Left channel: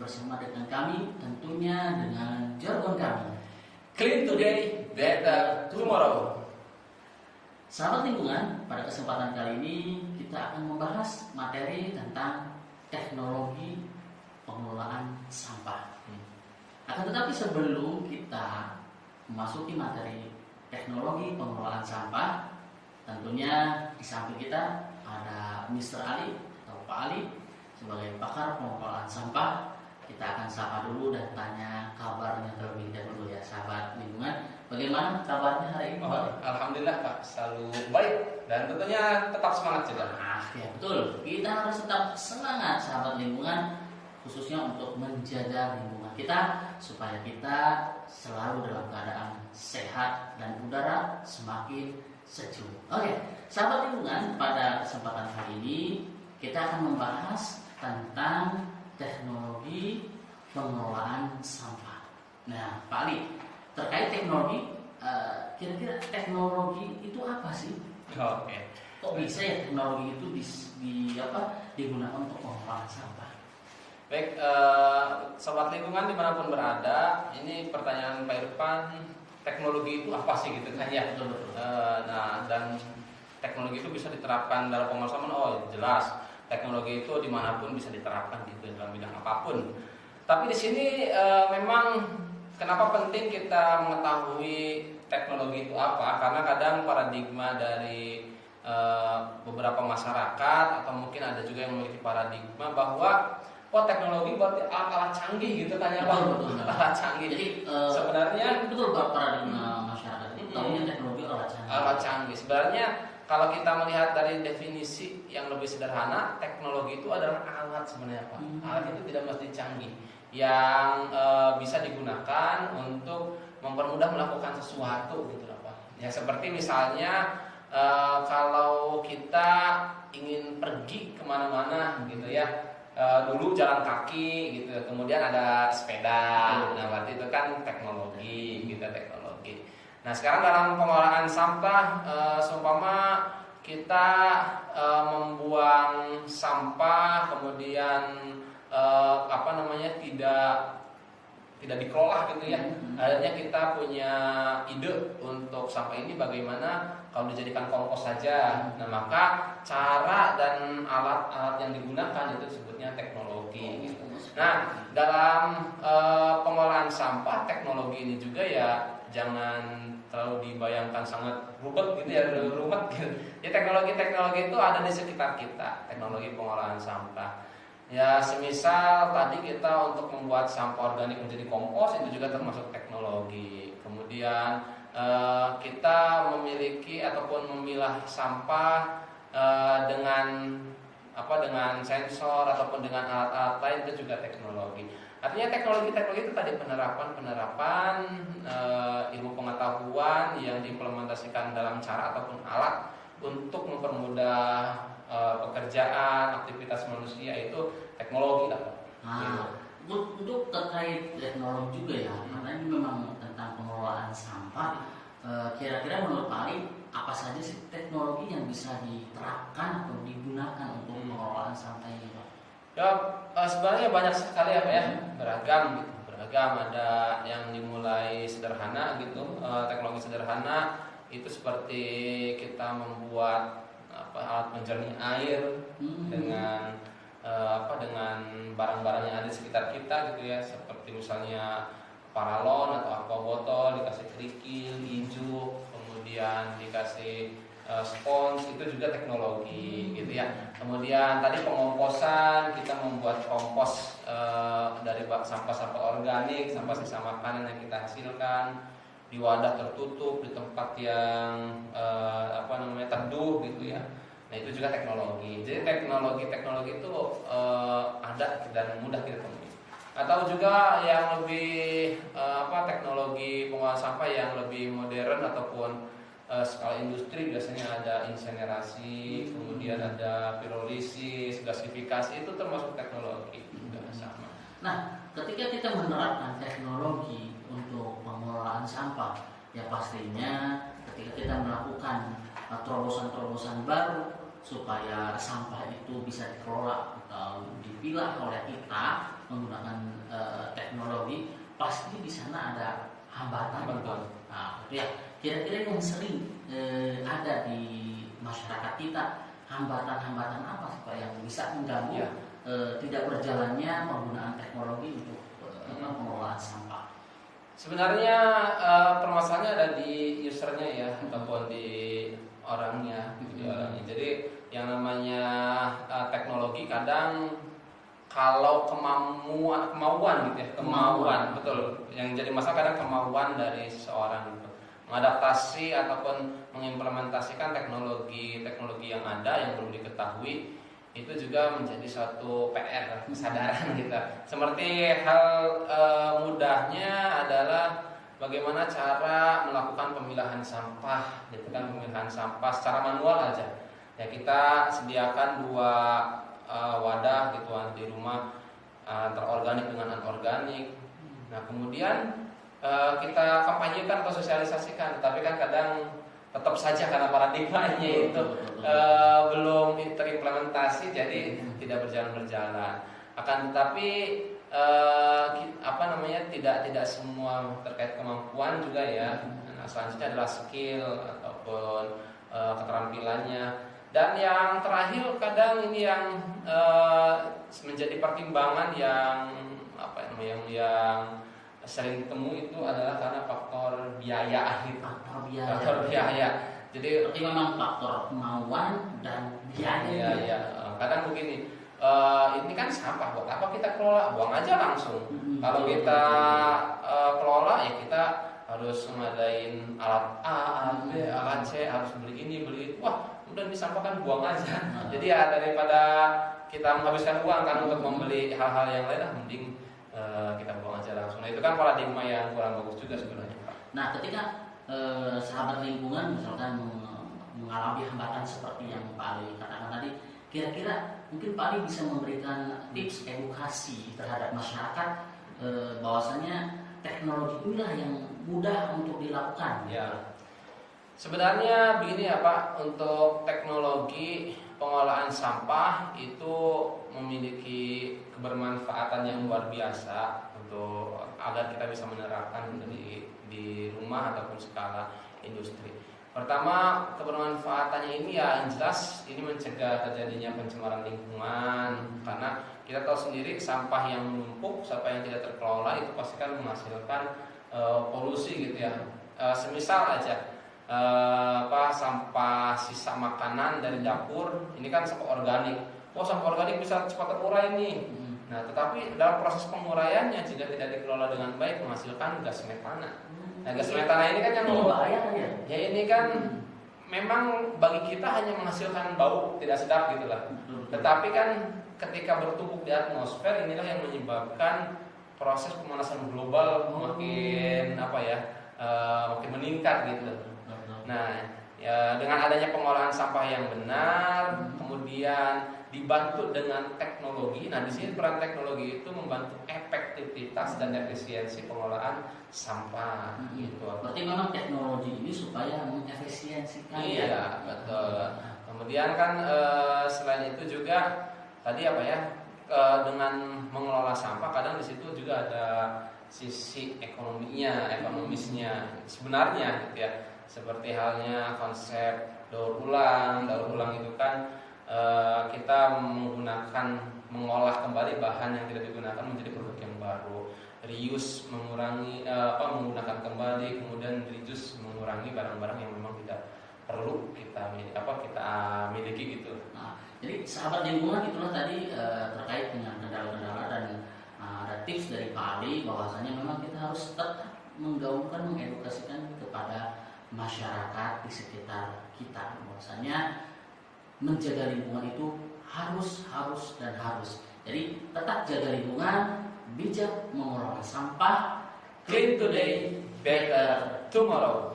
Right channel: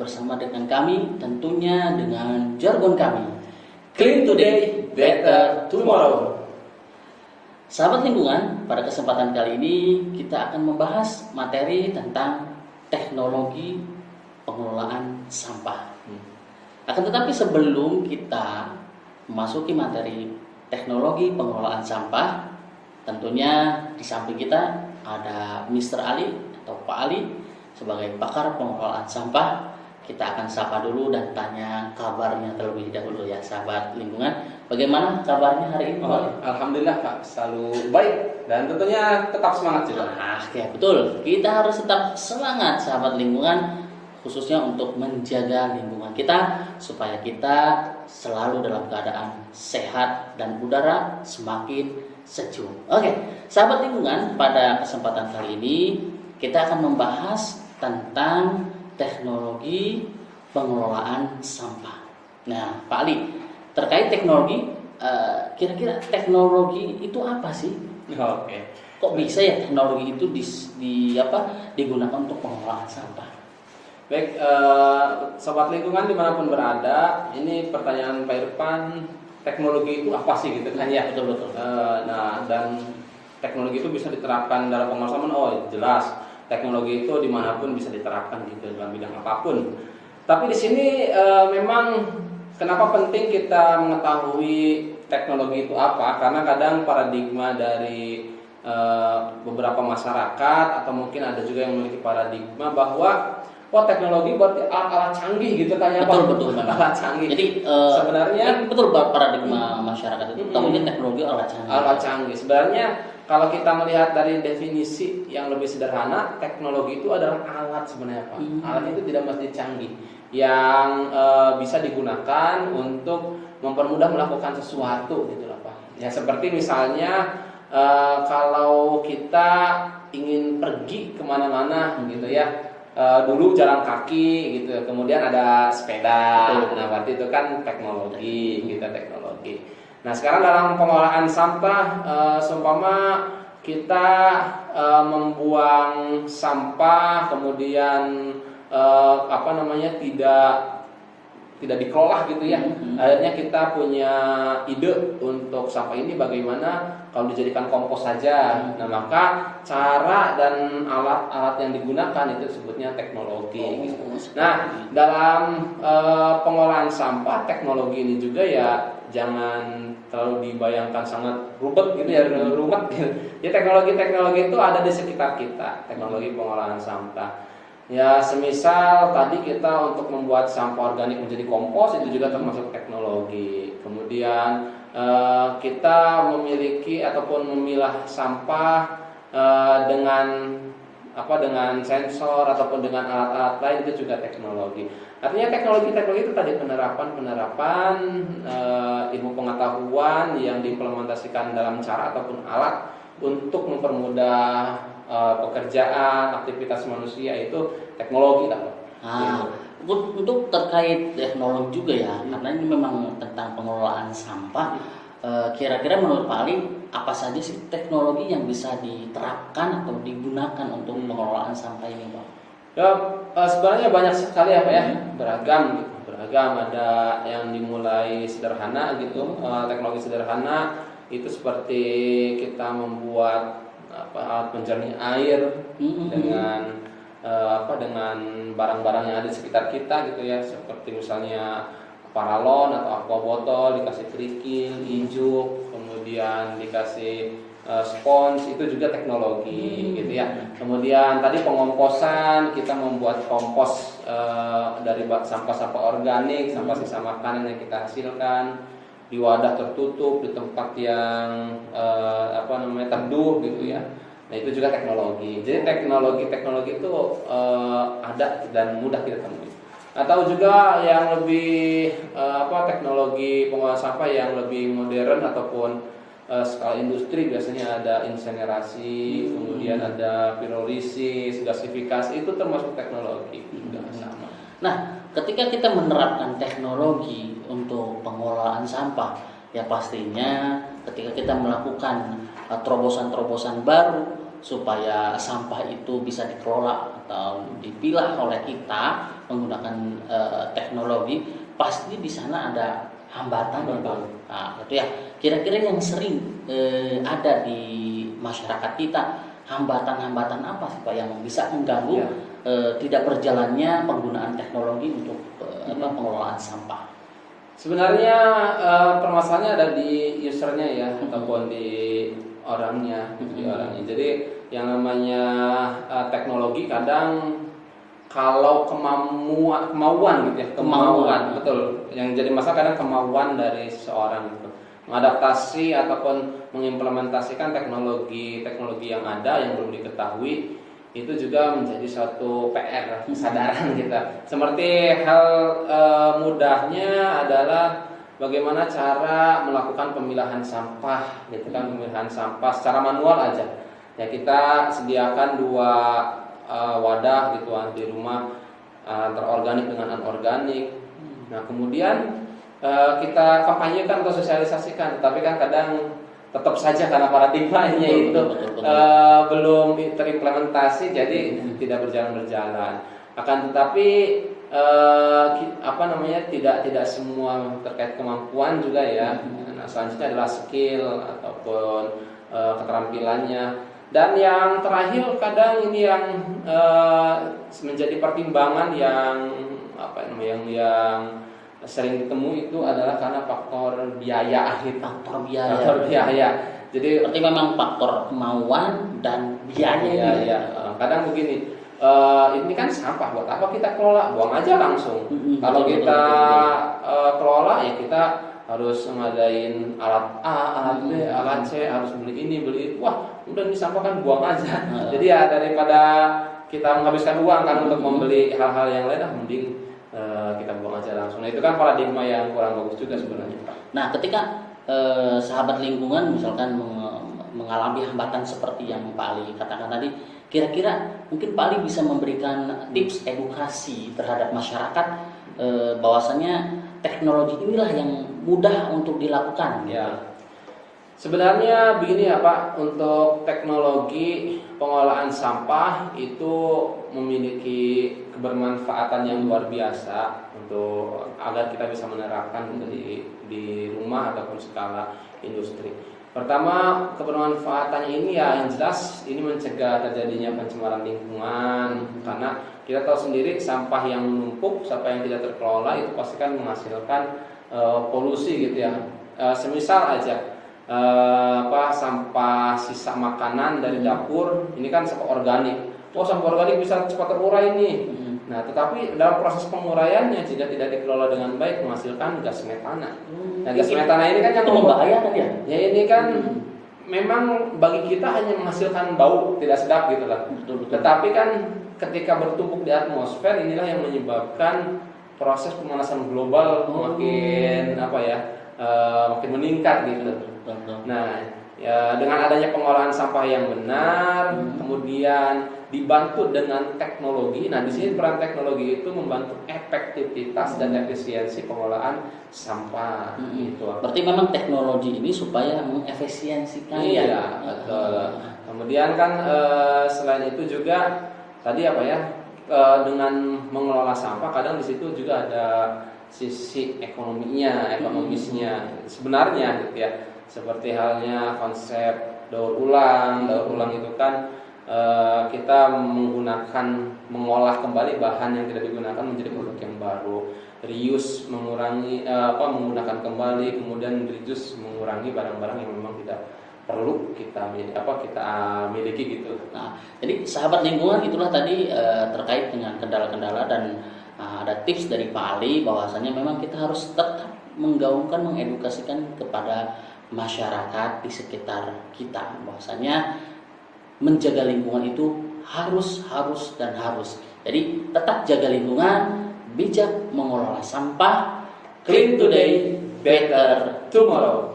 bersama dengan kami, tentunya dengan jargon kami. Clean today, better tomorrow. Sahabat lingkungan, pada kesempatan kali ini kita akan membahas materi tentang teknologi pengelolaan sampah. Akan tetapi sebelum kita memasuki materi teknologi pengelolaan sampah, tentunya di samping kita ada Mr. Ali atau Pak Ali sebagai pakar pengelolaan sampah. Kita akan sapa dulu dan tanya kabarnya terlebih dahulu ya sahabat lingkungan. Bagaimana kabarnya hari ini? Alhamdulillah Kak, selalu baik dan tentunya tetap semangat juga. Ya betul, kita harus tetap semangat sahabat lingkungan, khususnya untuk menjaga lingkungan kita supaya kita selalu dalam keadaan sehat dan udara semakin sejuk. Oke, sahabat lingkungan, pada kesempatan kali ini kita akan membahas tentang teknologi pengelolaan sampah. Nah, Pak Ali, terkait teknologi, kira-kira teknologi itu apa sih? Oke. Kok bisa ya teknologi itu digunakan untuk pengelolaan sampah? Baik, sobat lingkungan dimanapun berada, ini pertanyaan Pak Irfan, teknologi itu apa sih gitu kan ya? Betul. Nah, dan teknologi itu bisa diterapkan dalam pengelolaan sampah. Oh, jelas. Teknologi itu dimanapun bisa diterapkan gitu dalam bidang apapun. Tapi di sini memang kenapa penting kita mengetahui teknologi itu apa? Karena kadang paradigma dari beberapa masyarakat atau mungkin ada juga yang memiliki paradigma bahwa teknologi berarti alat-alat canggih gitu kan ya Pak? Betul. Alat canggih. Jadi sebenarnya betul paradigma masyarakat itu tahunya teknologi alat canggih. Alat canggih. Sebenarnya kalau kita melihat dari definisi yang lebih sederhana, teknologi itu adalah alat sebenarnya Pak. Alat itu tidak mesti canggih, yang bisa digunakan untuk mempermudah melakukan sesuatu gitu lah Pak. Ya seperti misalnya kalau kita ingin pergi kemana-mana gitu ya, dulu jalan kaki gitu, kemudian ada sepeda. Nah berarti itu kan teknologi, teknologi. Nah sekarang dalam pengelolaan sampah, seumpama kita membuang sampah kemudian tidak dikelola gitu ya. Akhirnya kita punya ide untuk sampah ini bagaimana kalau dijadikan kompos saja. Nah maka cara dan alat-alat yang digunakan itu sebutnya teknologi gitu. Nah dalam pengolahan sampah, teknologi ini juga ya jangan terlalu dibayangkan sangat rumit gitu ya, rumit gitu. Ya teknologi itu ada di sekitar kita, teknologi pengolahan sampah. Ya semisal tadi kita untuk membuat sampah organik menjadi kompos itu juga termasuk teknologi. Kemudian kita memiliki ataupun memilah sampah dengan sensor ataupun dengan alat-alat lain itu juga teknologi. Artinya teknologi itu tadi penerapan ilmu pengetahuan yang diimplementasikan dalam cara ataupun alat untuk mempermudah pekerjaan, aktivitas manusia, itu teknologi lah. Untuk terkait teknologi juga ya, karena ini memang tentang pengelolaan sampah. Kira-kira menurut Pak Ali, apa saja sih teknologi yang bisa diterapkan atau digunakan untuk pengelolaan sampah ini, Pak? Ya sebenarnya banyak sekali apa ya, beragam gitu. Beragam, ada yang dimulai sederhana gitu, teknologi sederhana itu seperti kita membuat alat penjernih air dengan barang-barang yang ada di sekitar kita gitu ya, seperti misalnya paralon atau aqua botol dikasih kerikil, injuk, kemudian dikasih spons, itu juga teknologi gitu ya. Kemudian tadi pengomposan, kita membuat kompos dari sampah-sampah organik, sampah sisa makanan yang kita hasilkan di wadah tertutup di tempat yang teduh gitu ya. Nah itu juga teknologi. Jadi teknologi itu ada dan mudah kita temui. Atau juga yang lebih teknologi pengolahan sampah yang lebih modern ataupun skala industri, biasanya ada insinerasi, kemudian ada pirolisis, gasifikasi, itu termasuk teknologi juga sama. Nah, ketika kita menerapkan teknologi untuk pengelolaan sampah, ya pastinya ketika kita melakukan terobosan-terobosan baru supaya sampah itu bisa dikelola atau dipilah oleh kita menggunakan teknologi, pasti di sana ada hambatan. Nah, itu ya kira-kira yang sering ada di masyarakat kita, hambatan-hambatan apa sih Pak yang bisa mengganggu tidak berjalannya penggunaan teknologi untuk pengelolaan sampah? Sebenarnya permasalahannya ada di usernya ya, ataupun di orangnya, gitu, di orangnya. Jadi yang namanya teknologi kadang kalau kemauan gitu ya, kemauan betul. Yang jadi masalah kadang kemauan dari seseorang gitu, mengadaptasi ataupun mengimplementasikan teknologi yang ada yang belum diketahui, itu juga menjadi suatu PR, kesadaran kita. Seperti hal mudahnya adalah bagaimana cara melakukan pemilahan sampah, gitu kan, pemilahan sampah secara manual aja. Ya kita sediakan 2 wadah gitu di rumah, antara organik dengan anorganik. Nah kemudian kita kampanyekan atau sosialisasikan, tapi kan kadang tetap saja karena paradigmanya itu belum terimplementasi, jadi tidak berjalan. Akan tetapi tidak semua terkait kemampuan juga ya. Nah selanjutnya adalah skill ataupun keterampilannya. Dan yang terakhir kadang ini yang menjadi pertimbangan yang yang sering ditemu itu adalah karena faktor biaya gitu. Faktor biaya. Jadi berarti memang faktor kemauan dan biaya. Ya. Kadang begini, ini kan sampah, buat apa kita kelola? Buang aja langsung. Kalau kita kelola ya kita harus ngadain alat A, alat B, alat C, harus beli ini, beli itu. Wah, udah ini sampah kan buang aja. Jadi ya daripada kita menghabiskan uang kan untuk membeli hal-hal yang lain, mending kita buang aja langsung. Nah itu kan paradigma yang kurang bagus juga sebenarnya. Nah ketika sahabat lingkungan misalkan mengalami hambatan seperti yang Pak Ali katakan tadi, kira-kira mungkin Pak Ali bisa memberikan tips edukasi terhadap masyarakat bahwasanya teknologi inilah yang mudah untuk dilakukan. Ya. Sebenarnya begini ya Pak, untuk teknologi pengolahan sampah itu memiliki kebermanfaatan yang luar biasa untuk agar kita bisa menerapkan di rumah ataupun skala industri. Pertama, kebermanfaatannya ini ya yang jelas ini mencegah terjadinya pencemaran lingkungan, karena kita tahu sendiri sampah yang menumpuk, sampah yang tidak terkelola itu pasti kan menghasilkan polusi gitu ya. Semisal aja sampah sisa makanan dari dapur, ini kan sampah organik. Sampah organik bisa cepat terurai nih. Nah, tetapi dalam proses penguraiannya jika tidak dikelola dengan baik menghasilkan gas metana. Nah, gas metana ini kan yang membahayakan ya. Ya ini kan memang bagi kita hanya menghasilkan bau tidak sedap gitu lah. Betul. Tetapi kan ketika bertumpuk di atmosfer, inilah yang menyebabkan proses pemanasan global makin makin meningkat gitu. Nah, ya, dengan adanya pengolahan sampah yang benar, kemudian dibantu dengan teknologi. Nah, di sini peran teknologi itu membantu efektivitas dan efisiensi pengolahan sampah. Gitu. Berarti memang teknologi ini supaya mengefisiensikan. Iya, betul. Kemudian kan selain itu juga tadi dengan mengelola sampah kadang di situ juga ada sisi ekonomisnya sebenarnya gitu ya. Seperti halnya konsep daur ulang itu kan kita mengolah kembali bahan yang tidak digunakan menjadi produk yang baru. Reuse mengurangi menggunakan kembali, kemudian reduce mengurangi barang-barang yang memang tidak perlu kita miliki gitu. Nah, jadi sahabat lingkungan itulah tadi terkait dengan kendala-kendala dan ada tips dari Pak Ali bahwasanya memang kita harus tetap menggaungkan, mengedukasikan kepada masyarakat di sekitar kita bahwasanya menjaga lingkungan itu harus. Jadi tetap jaga lingkungan, bijak mengelola sampah, clean today, better tomorrow.